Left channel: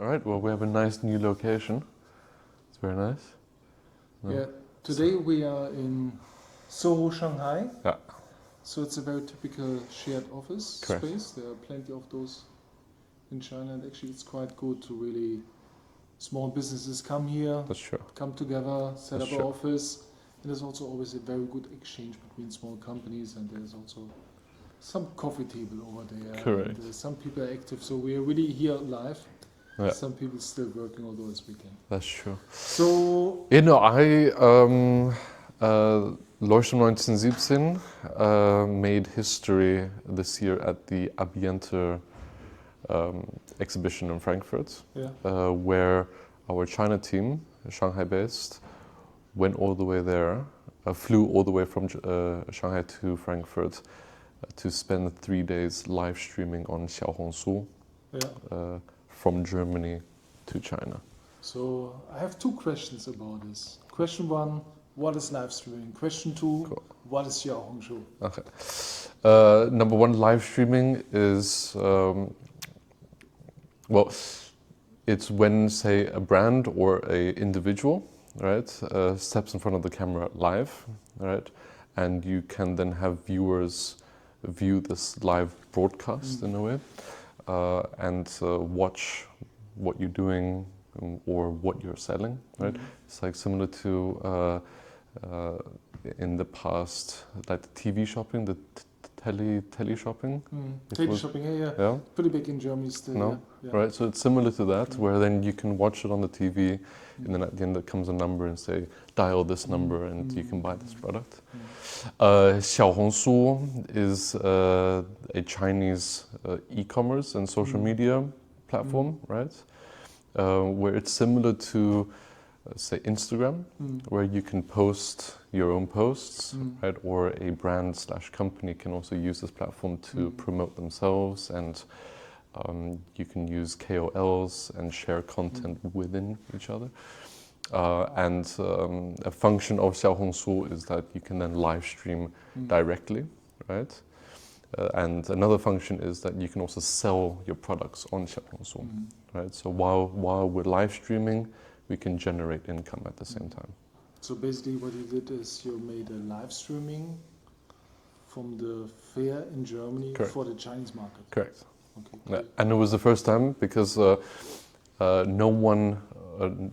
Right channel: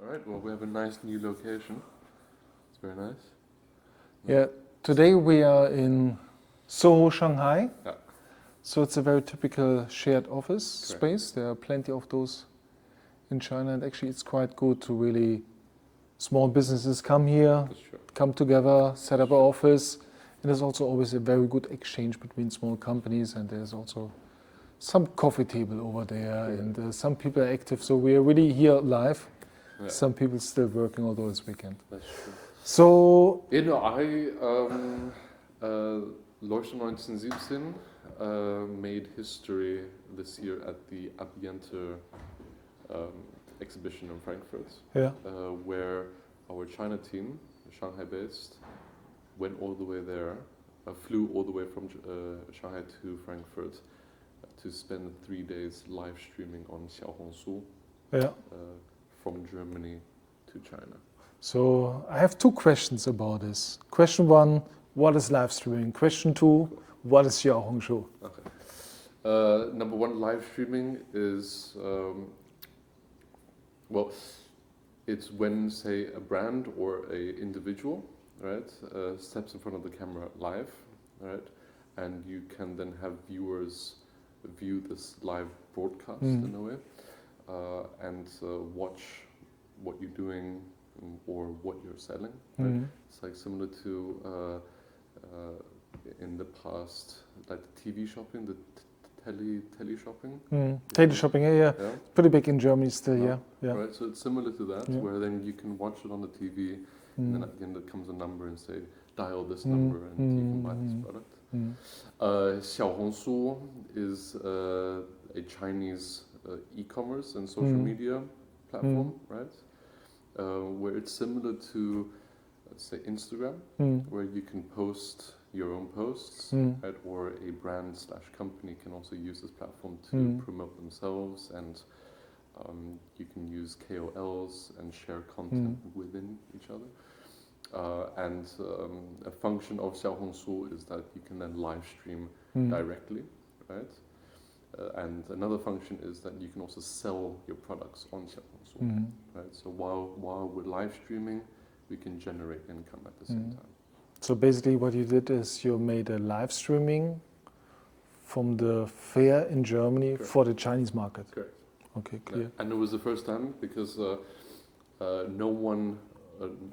All right, well, we have a nice new location. It's very nice. Yeah, today we are in Soho, Shanghai. Yeah. So it's a very typical shared office Correct. space. There are plenty of those in China, and actually it's quite good to really small businesses come here, That's true. come together, set That's up an true. office. And there's also always a very good exchange between small companies, and there's also some coffee table over there. Correct. And some people are active, so we are really here live. Yeah. Some people still working, although it's weekend. That's true. So You know, Leuchtturm 1917 made history this year at the Ambiente exhibition in Frankfurt, yeah, where our China team, Shanghai-based, went all the way there, flew all the way from Shanghai to Frankfurt to spend 3 days live streaming on Xiaohongshu yeah. from Germany to China. So I have two questions about this. Question one, what is live streaming? Question two, Cool. what is Xiaohongshu? Okay. Number one, live streaming is, well, it's when, say, a brand or a individual, right, steps in front of the camera live, right, and you can then have viewers view this live broadcast in a way, and watch what you're doing or what you're selling, right? It's like similar to in the past, like the TV shopping, the tele shopping. Tele shopping, yeah. Pretty big in Germany still, No? yeah. Right, so it's similar to that, where then you can watch it on the TV, and then at the end there comes a number and say, dial this number and you can buy this product. Xiaohongshu is a Chinese e-commerce and social media platform, right? Where it's similar to, say, Instagram, where you can post your own posts, right? Or a brand/company can also use this platform to promote themselves, and you can use KOLs and share content within each other. And a function of Xiaohongshu is that you can then live stream directly, right? And another function is that you can also sell your products on Xiaohongshu, right? So while we're live streaming, we can generate income at the same time. So basically what you did is you made a live streaming from the fair in Germany. Correct. For the Chinese market. Correct. Okay, clear. Yeah. And it was the first time because no one,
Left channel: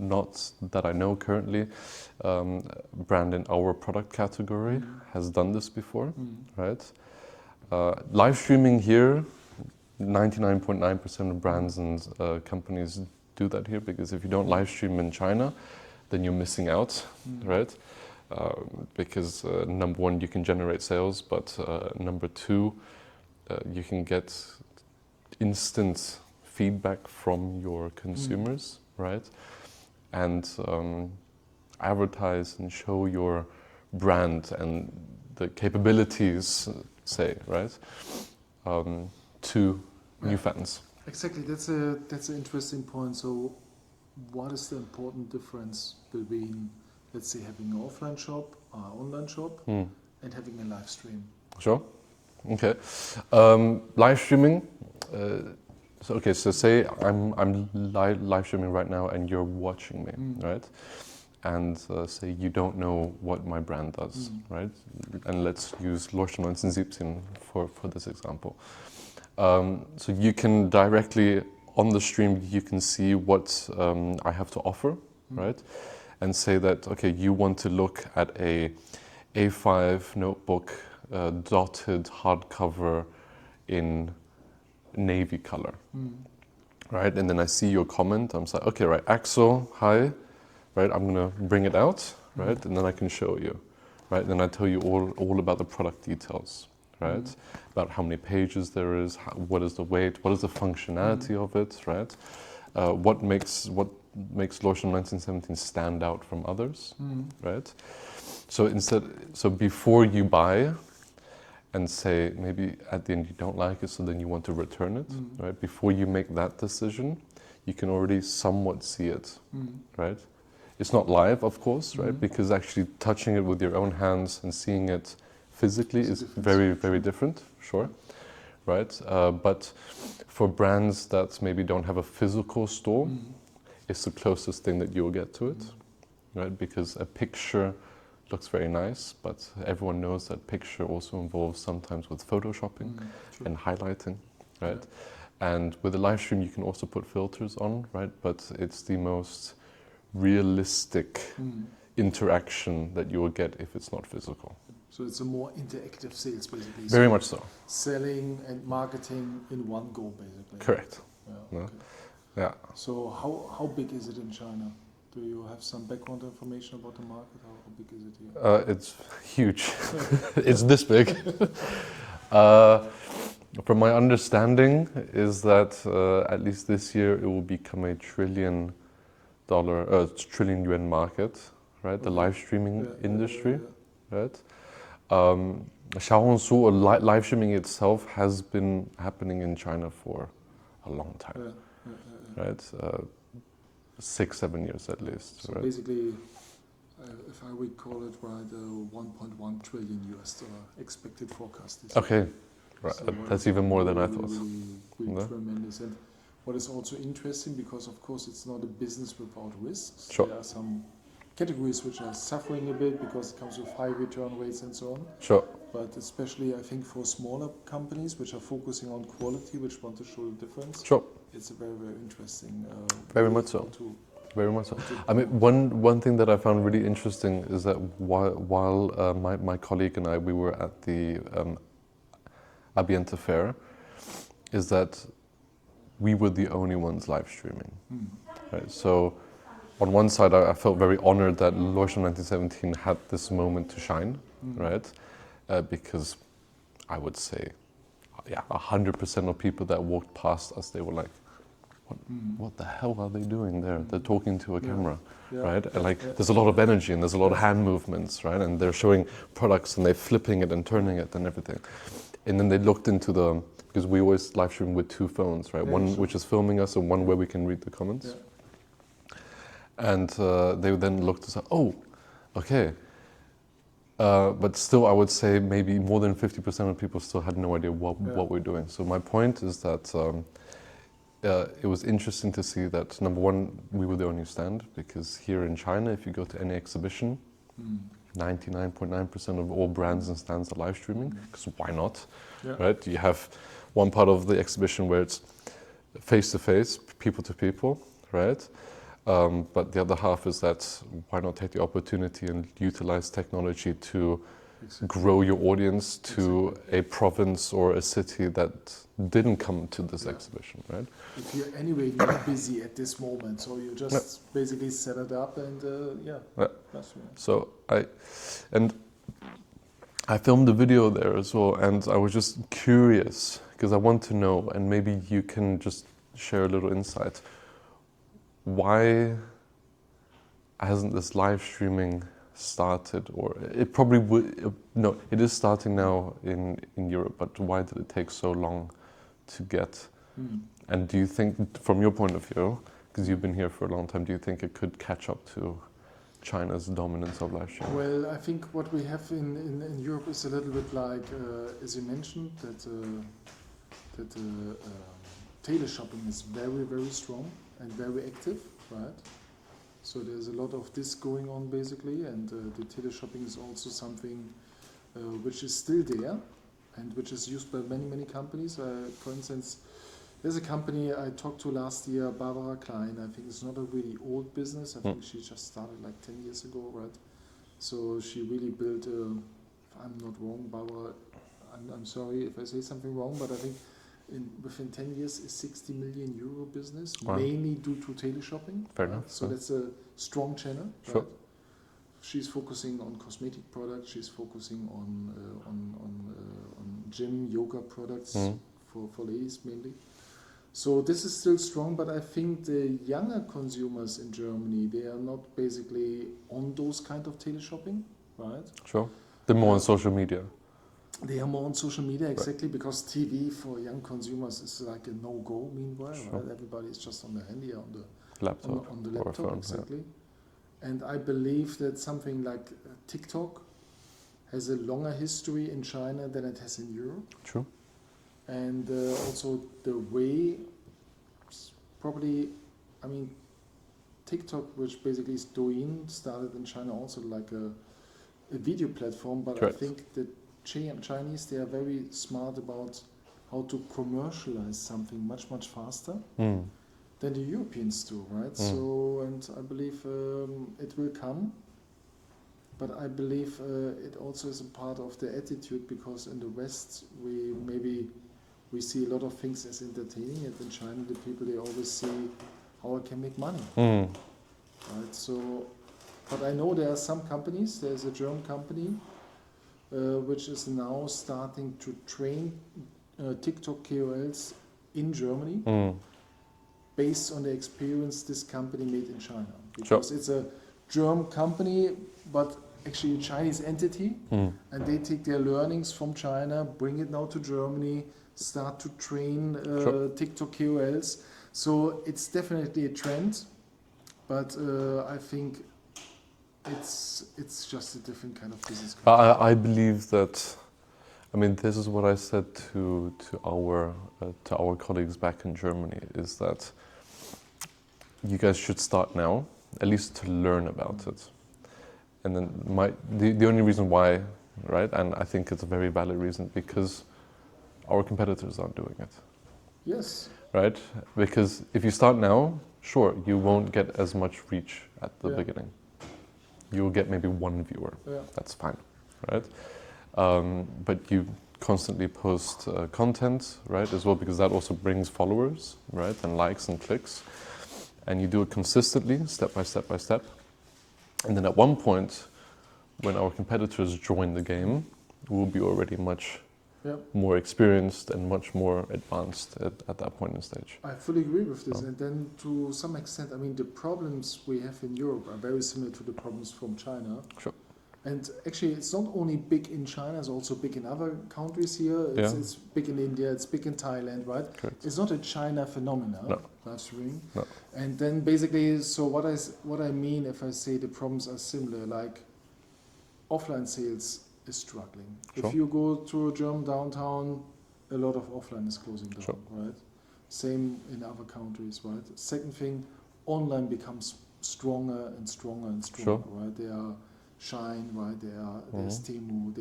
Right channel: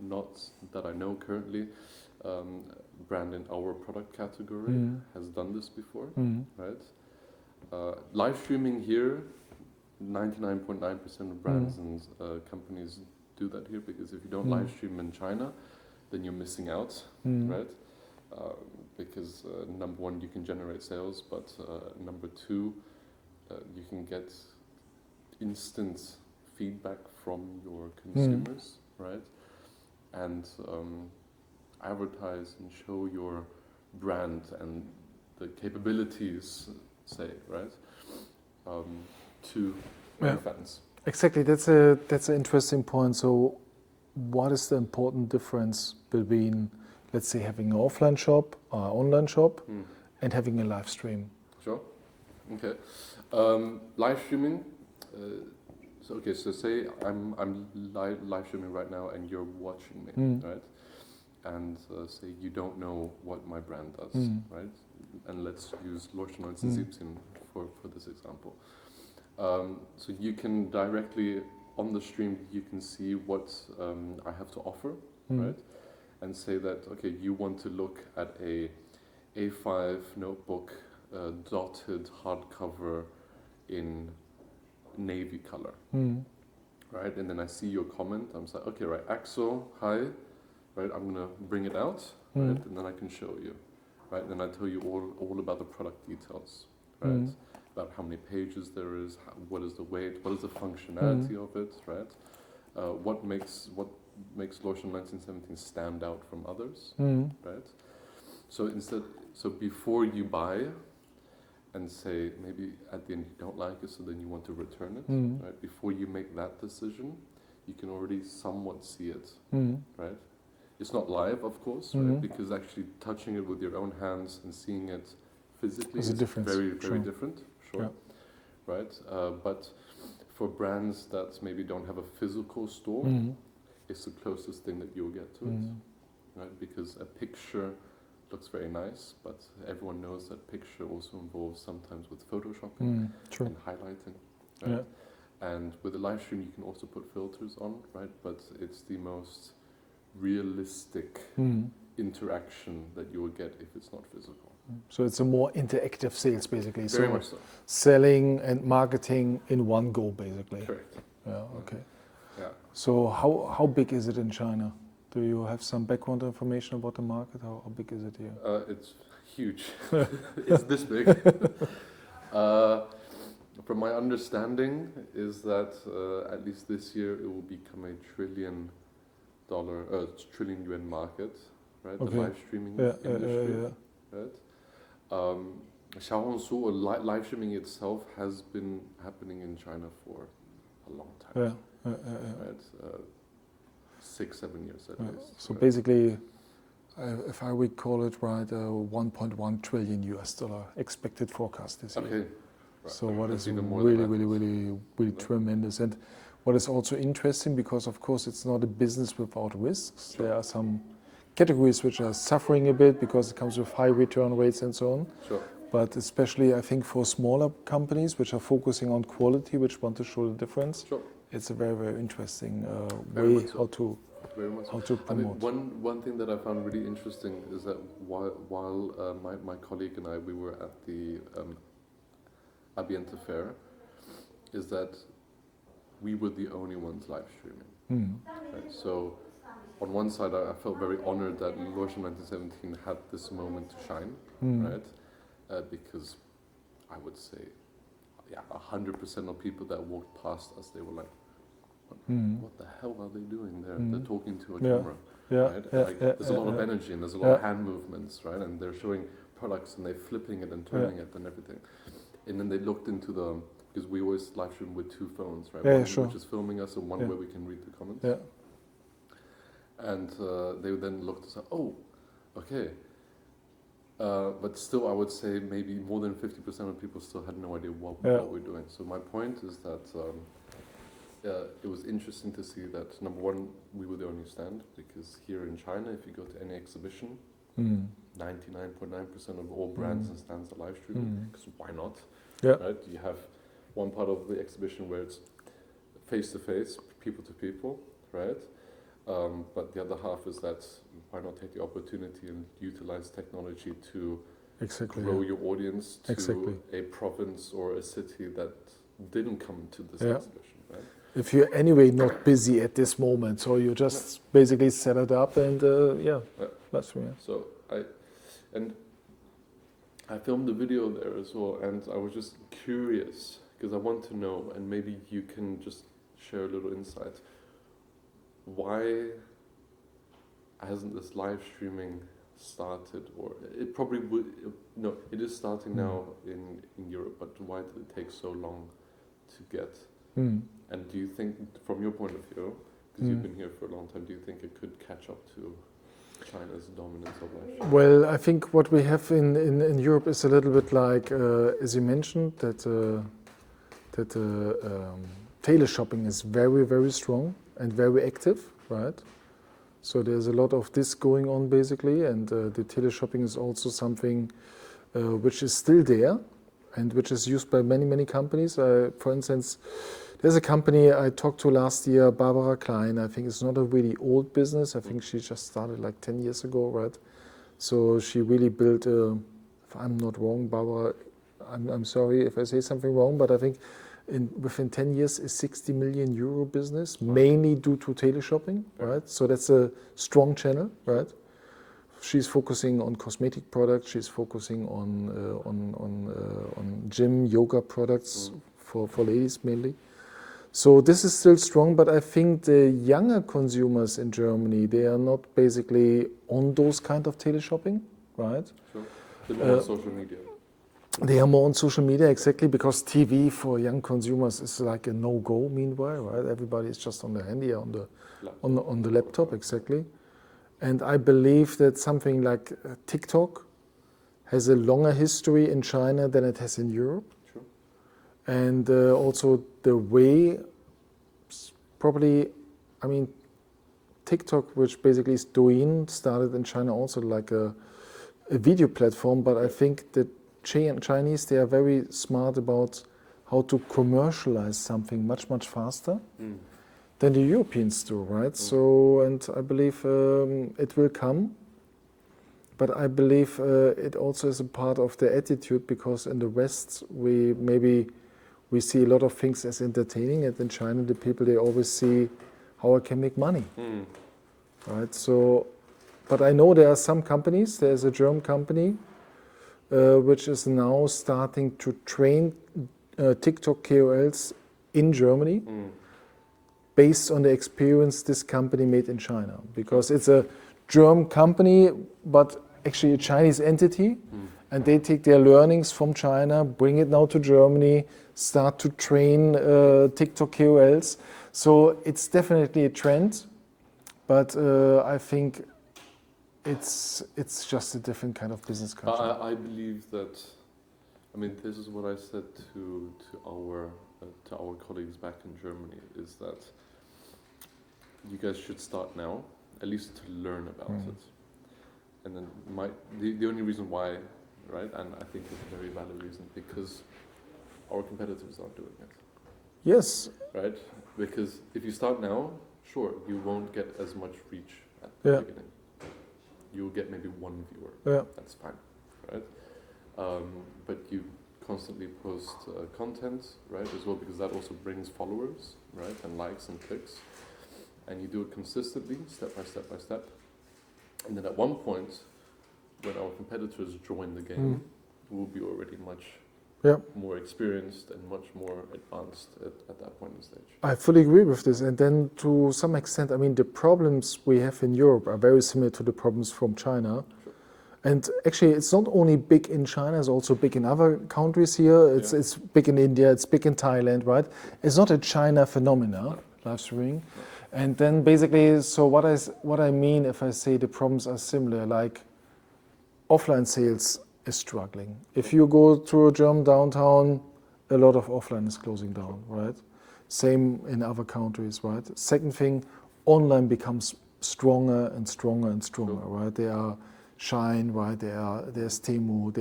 not that I know currently, brand in our product category has done this before, right? Live streaming here, 99.9% of brands and companies do that here, because if you don't live stream in China, then you're missing out, right? Because number one, you can generate sales, but number two, you can get instant feedback from your consumers, right? And advertise and show your brand and the capabilities, say, right, to new fans. Exactly, that's an interesting point. So what is the important difference between, let's say, having an offline shop or online shop and having a live stream? Sure. Okay. Live streaming. So say I'm live streaming right now and you're watching me, right? And say you don't know what my brand does, right? And let's use Leuchtturm 1917 for this example. So you can directly, on the stream, you can see what I have to offer, right? And say that, okay, you want to look at a A5 notebook, dotted hardcover in navy color, right? And then I see your comment. I'm like, okay, right, Axel, hi, right? I'm gonna bring it out, right? And then I can show you, right? And then I tell you all about the product details, right? About how many pages there is, what is the weight, what is the functionality of it, right? What makes Leuchtturm 1917 stand out from others, right? So before you buy, and say maybe at the end you don't like it, so then you want to return it, right? Before you make that decision, you can already somewhat see it, right? It's not live, of course, right? Because actually touching it with your own hands and seeing it physically is very, very different, sure, right? But for brands that maybe don't have a physical store, it's the closest thing that you'll get to it, right? Because a picture looks very nice, but everyone knows that picture also involves sometimes with photoshopping and highlighting, right? And with a live stream, you can also put filters on, right? But it's the most realistic interaction that you will get if it's not physical. So it's a more interactive sales, basically. Very much so. Selling and marketing in one go, basically. Correct. Yeah. Okay. Yeah. So how big is it in China? Do you have some background information about the market? How big is it here? It's huge. It's this big. From my understanding is that at least this year it will become a $1 trillion yuan market, right? The live streaming industry, right? Xiaohongshu or live streaming itself has been happening in China for a long time, right? 6-7 years at least. So right? basically, if I recall it right, $1.1 trillion expected forecast this year. Okay, right. So That's even more than I thought. Really tremendous. And what is also interesting, because of course it's not a business without risks. Sure. There are some categories which are suffering a bit because it comes with high return rates and so on. Sure. But especially I think for smaller companies which are focusing on quality, which want to show the difference, Sure. it's a very, very interesting Very way much so. Very much so. I mean, one thing that I found really interesting is that while my colleague and I, we were at the Ambiente Fair, is that we were the only ones live streaming. Right? So on one side, I felt very honored that Lewisham 1917 had this moment to shine, right? Because I would say, 100% of people that walked past us, they were like, what the hell are they doing there? They're talking to a camera, right? And there's a lot of energy and there's a lot of hand movements, right? And they're showing products and they're flipping it and turning it and everything. And then they looked into because we always live stream with 2 phones, right? One which is filming us and one where we can read the comments. And they then looked and said, oh, okay. But still, I would say maybe more than 50% of people still had no idea what we're doing. So my point is that it was interesting to see that, number one, we were the only stand, because here in China, if you go to any exhibition, 99.9% of all brands and stands are live streaming, because why not, right? You have one part of the exhibition where it's face-to-face, people-to-people, right? But the other half is that why not take the opportunity and utilize technology to grow your audience to a province or a city that didn't come to this exhibition, right? If you're anyway not busy at this moment, so you just basically set it up and that's So I filmed the video there as well, and I was just curious because I want to know, and maybe you can just share a little insight. Why hasn't this live streaming started, or it probably would, no, it is starting now in Europe, but why did it take so long to get? And do you think, from your point of view, because you've been here for a long time, do you think it could catch up to China's dominance of live streaming? Well, I think what we have in Europe is a little bit like, as you mentioned, that teleshopping is very, very strong and very active, right? So there's a lot of this going on basically, and the teleshopping is also something which is still there and which is used by many, many companies. For instance, there's a company I talked to last year, Barbara Klein. I think it's not a really old business. I think she just started like 10 years ago, right? So she really built, if I'm not wrong, Barbara, I'm sorry if I say something wrong, but I think within 10 years is 60 million euro business, mainly due to teleshopping, right? So that's a strong channel, right? She's focusing on cosmetic products. She's focusing on gym, yoga products for ladies mainly. So this is still strong, but I think the younger consumers in Germany, they are not basically on those kind of teleshopping, right? Sure. They're more on social media. They are more on social media, exactly, because TV for young consumers is like a no-go meanwhile, right? Everybody is just on the handy, on the laptop, exactly. And I believe that something like TikTok has a longer history in China than it has in Europe. True. And also the way, probably, I mean, TikTok, which basically is Douyin, started in China also like a video platform, but Correct. I think the Chinese, they are very smart about how to commercialize something much, much faster than the Europeans do, right? So, and I believe it will come, but I believe it also is a part of the attitude, because in the West, we see a lot of things as entertaining, and in China, the people, they always see how I can make money, right? So, but I know there are some companies. There's a German company which is now starting to train TikTok KOLs in Germany based on the experience this company made in China. Because it's a German company, but actually a Chinese entity, and they take their learnings from China, bring it now to Germany, start to train TikTok KOLs. So it's definitely a trend, but I think it's just a different kind of business culture. I believe that, I mean, this is what I said to our colleagues back in Germany, is that you guys should start now, at least to learn about it. And then the only reason why, right, and I think it's a very valid reason, because our competitors aren't doing it. Yes. Right? Because if you start now, sure, you won't get as much reach at the beginning. You'll get maybe one viewer. Yeah. That's fine, right? But you constantly post content, right, as well, because that also brings followers, right, and likes and clicks. And you do it consistently, step by step by step. And then at one point, when our competitors join the game, we'll be already much more experienced and much more advanced at that point in stage. I fully agree with this. And then to some extent, I mean, the problems we have in Europe are very similar to the problems from China. Sure. And actually, it's not only big in China, it's also big in other countries here. It's big in India, it's big in Thailand, right? Sure. It's not a China phenomenon, live streaming. No. And then basically, so what I mean if I say the problems are similar, like offline sales is struggling. Sure. If you go to a German downtown, a lot of offline is closing down, right? Same in other countries, right? Second thing, online becomes stronger and stronger and stronger, right? There are Shine, right? There's Temu,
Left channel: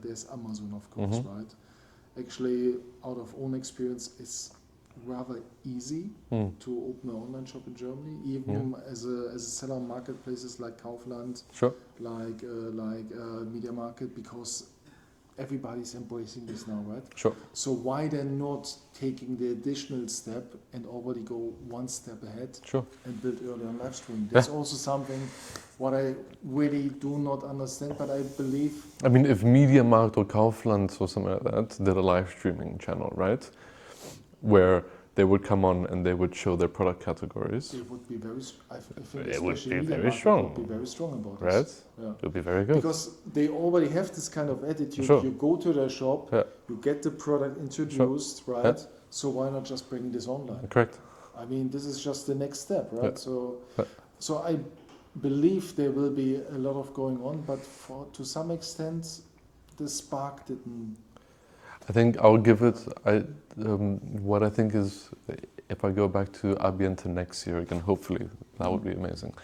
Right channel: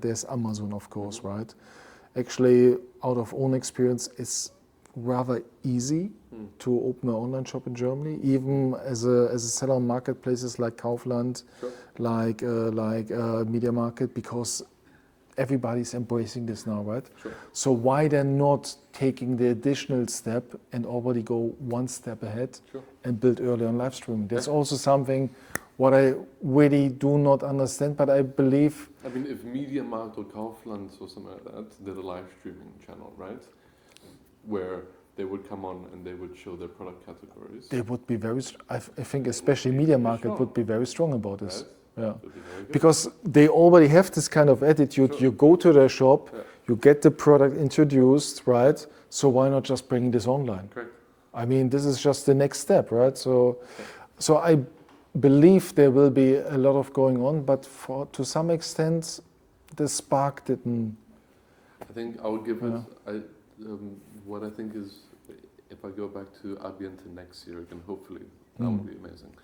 there's Amazon, of course, right? Actually, out of own experience, it's rather easy to open an online shop in Germany, even as a seller on marketplaces like Kaufland, like Media Market, because everybody's embracing this now, right? Sure. So why then not taking the additional step and already go one step ahead and build early on live streaming? That's also something what I really do not understand, but I believe... I mean, if Media Markt or Kaufland or something like that did a live streaming channel, right? Where they would come on and they would show their product categories. They would be very, I think especially Media Market would be very strong about this. Right? Yeah. It would be very good. Because they already have this kind of attitude. You go to their shop, you get the product introduced, right? Yeah. So why not just bring this online? Correct. I mean, this is just the next step, right? So I believe there will be a lot of going on, but to some extent, the spark didn't... I think I'll give it... what I think is, if I go back to Abiente next year again, hopefully, that would be amazing.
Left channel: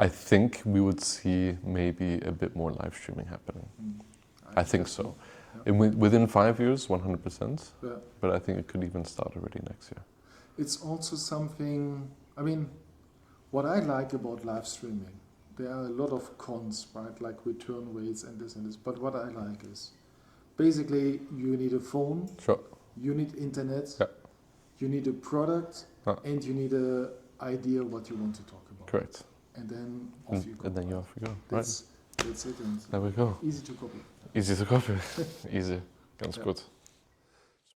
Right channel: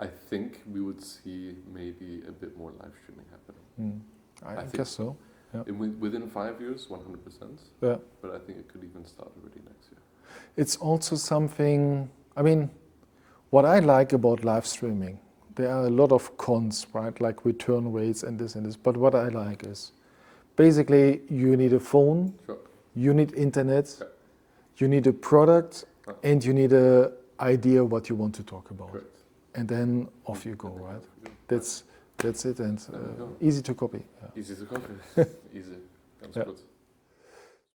I think we would see maybe a bit more live streaming happening. I think so. Yeah. Within 5 years, 100%. Yeah. But I think it could even start already next year. It's also something, I mean, what I like about live streaming, there are a lot of cons, right? Like return rates and this. But what I like is, basically, you need a phone. Sure. You need internet, you need a product, and you need an idea what you want to talk about. Correct. And then off you go. And then off you go. That's it. And there we go. Easy to copy. Easy to copy. Easy. Ganz gut.